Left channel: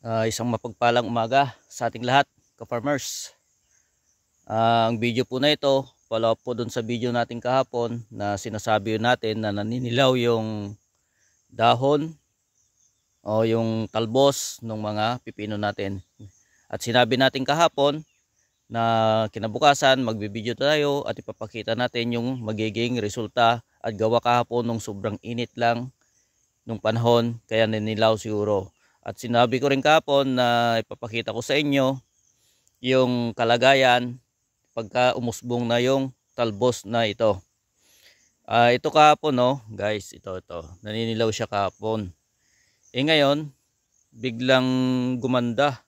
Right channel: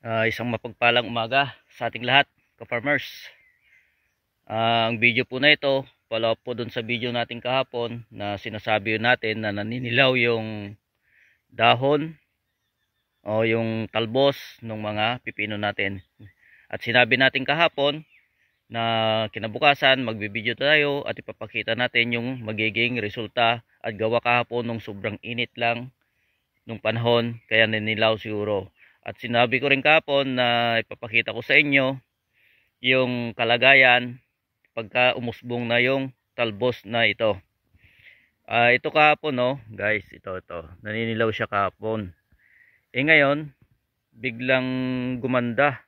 Isang mapagpalang umaga sa ating lahat, ka-farmers. Ang video po na ito, follow up po dun sa video natin kahapon na sinasabi natin na naninilaw yung dahon o yung talbos ng mga pipino natin. At sinabi natin kahapon na kinabukasan magbibideo tayo at ipapakita natin yung magiging resulta at gawa kahapon nung sobrang init lang nung panahon kaya naninilaw siguro. At sinabi ko rin kahapon na ipapakita ko sa inyo yung kalagayan pagka umusbong na yung talbos na ito. Ito kahapon, no guys, ito naninilaw siya kahapon. Ngayon biglang gumanda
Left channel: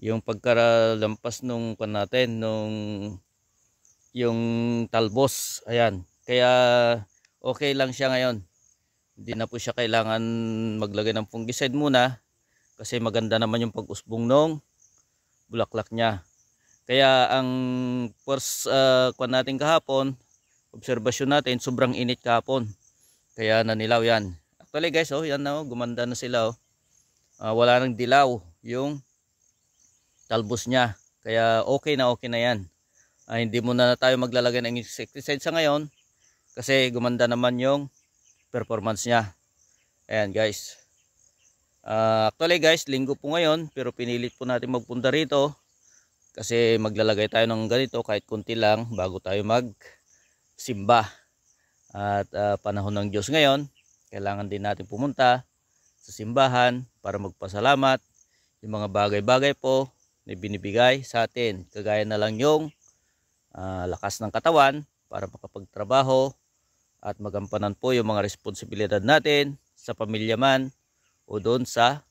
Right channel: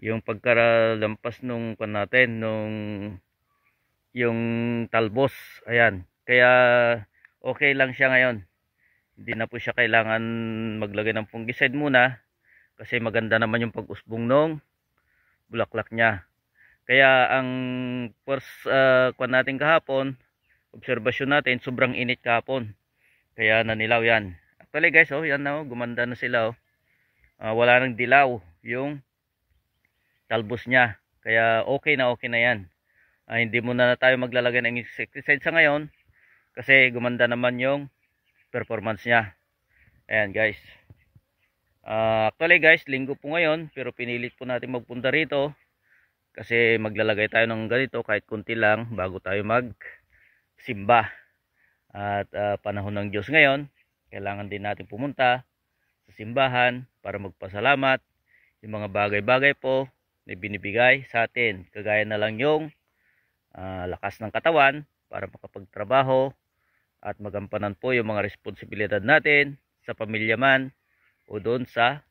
yung pagkalampas nung pan natin nung yung talbos. Ayan, kaya okay lang siya ngayon. Hindi na po siya kailangan maglagay ng fungicide muna kasi maganda naman yung pag-usbong nung bulaklak niya. Kaya ang first kwan natin kahapon, obserbasyon natin, sobrang init kahapon. Kaya nanilaw yan. Actually guys, oh, yan na, oh, gumanda na sila. Oh. Wala nang dilaw yung talbos niya. Kaya okay na yan. Hindi muna na tayo maglalagay ng insecticide sa ngayon kasi gumanda naman yung performance niya. Ayan guys. Actually guys, linggo po ngayon pero pinilit po natin magpunta rito kasi maglalagay tayo ng ganito kahit kunti lang bago tayo magsimba. At panahon ng Diyos ngayon, kailangan din natin pumunta sa simbahan para magpasalamat yung mga bagay-bagay po na binibigay sa atin. Kagaya na lang yung lakas ng katawan para makapagtrabaho at magampanan po yung mga responsibilidad natin sa pamilya man o doon sa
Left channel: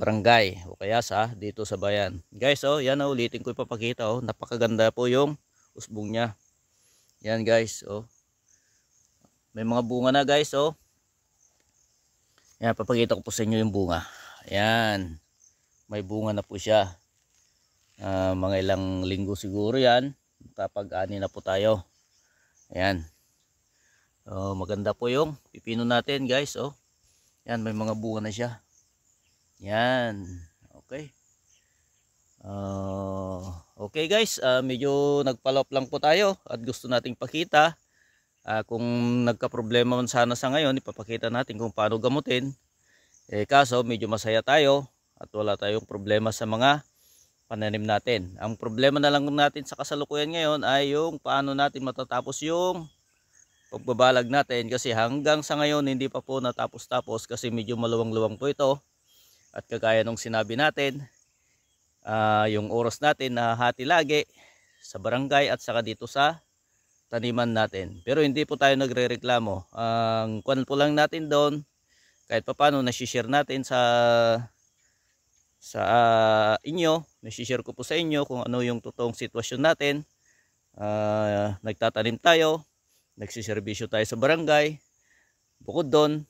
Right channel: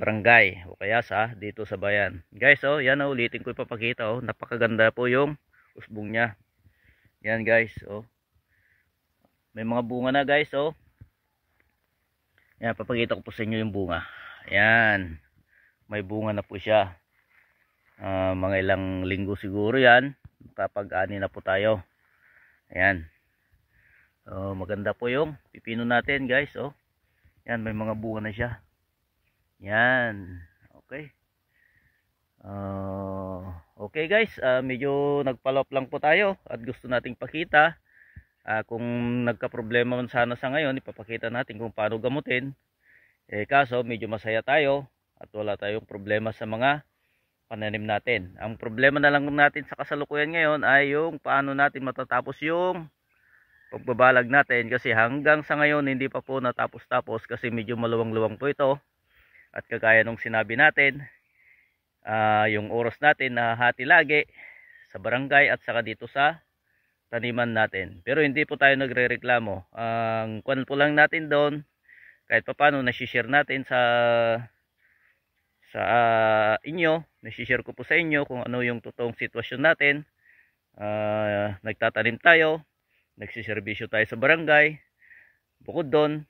barangay o kaya sa dito sa bayan. Guys, oh, yan, oh, ulitin ko ipapakita, oh, napakaganda po yung usbong niya. Yan guys, oh. May mga bunga na guys, oh. Yan, papakita ko po sa inyo yung bunga. Ayan. May bunga na po siya. Mga ilang linggo siguro yan. Kapag-ani na po tayo. Ayan. Maganda po yung pipino natin guys, oh. Yan, may mga bunga na siya. Yan. Okay. Okay guys, medyo nagpalop lang po tayo at gusto nating pakita kung nagka-problema man sana sa ngayon, ipapakita natin kung paano gamutin. Kaso medyo masaya tayo at wala tayong problema sa mga pananim natin. Ang problema na lang natin sa kasalukuyan ngayon ay yung paano natin matatapos yung pagbabalag natin kasi hanggang sa ngayon hindi pa po natapos-tapos kasi medyo maluwang-luwang po ito. At kagaya nung sinabi natin, yung oras natin na hati lagi sa barangay at saka dito sa taniman natin. Pero hindi po tayo nagre-reklamo. Ang kwan po lang natin doon, kahit paano nasi-share natin sa inyo, nasi-share ko po sa inyo kung ano yung totoong sitwasyon natin. Nagtatanim tayo, nagsiservisyo tayo sa barangay. Bukod doon,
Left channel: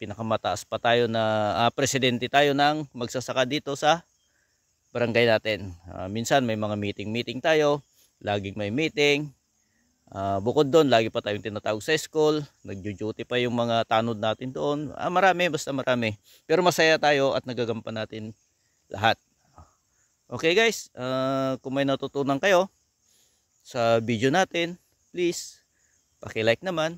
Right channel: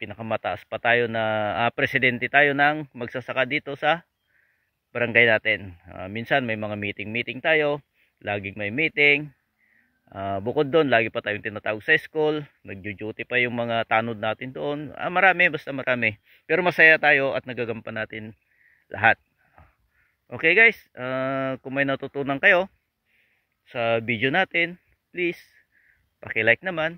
pinakamataas pa tayo na presidente tayo ng magsasaka dito sa barangay natin. Minsan may mga meeting tayo, laging may meeting. Bukod doon, lagi pa tayong tinatawag sa school, nagjo-duty pa yung mga tanod natin doon. Marami, basta marami. Pero masaya tayo at nagagampan natin lahat. Okay guys, kung may natutunan kayo sa video natin, please paki-like naman.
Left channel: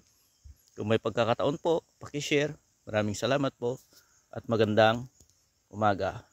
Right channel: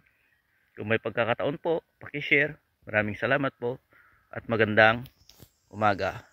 Kung may pagkakataon po, paki-share. Maraming salamat po at magandang umaga.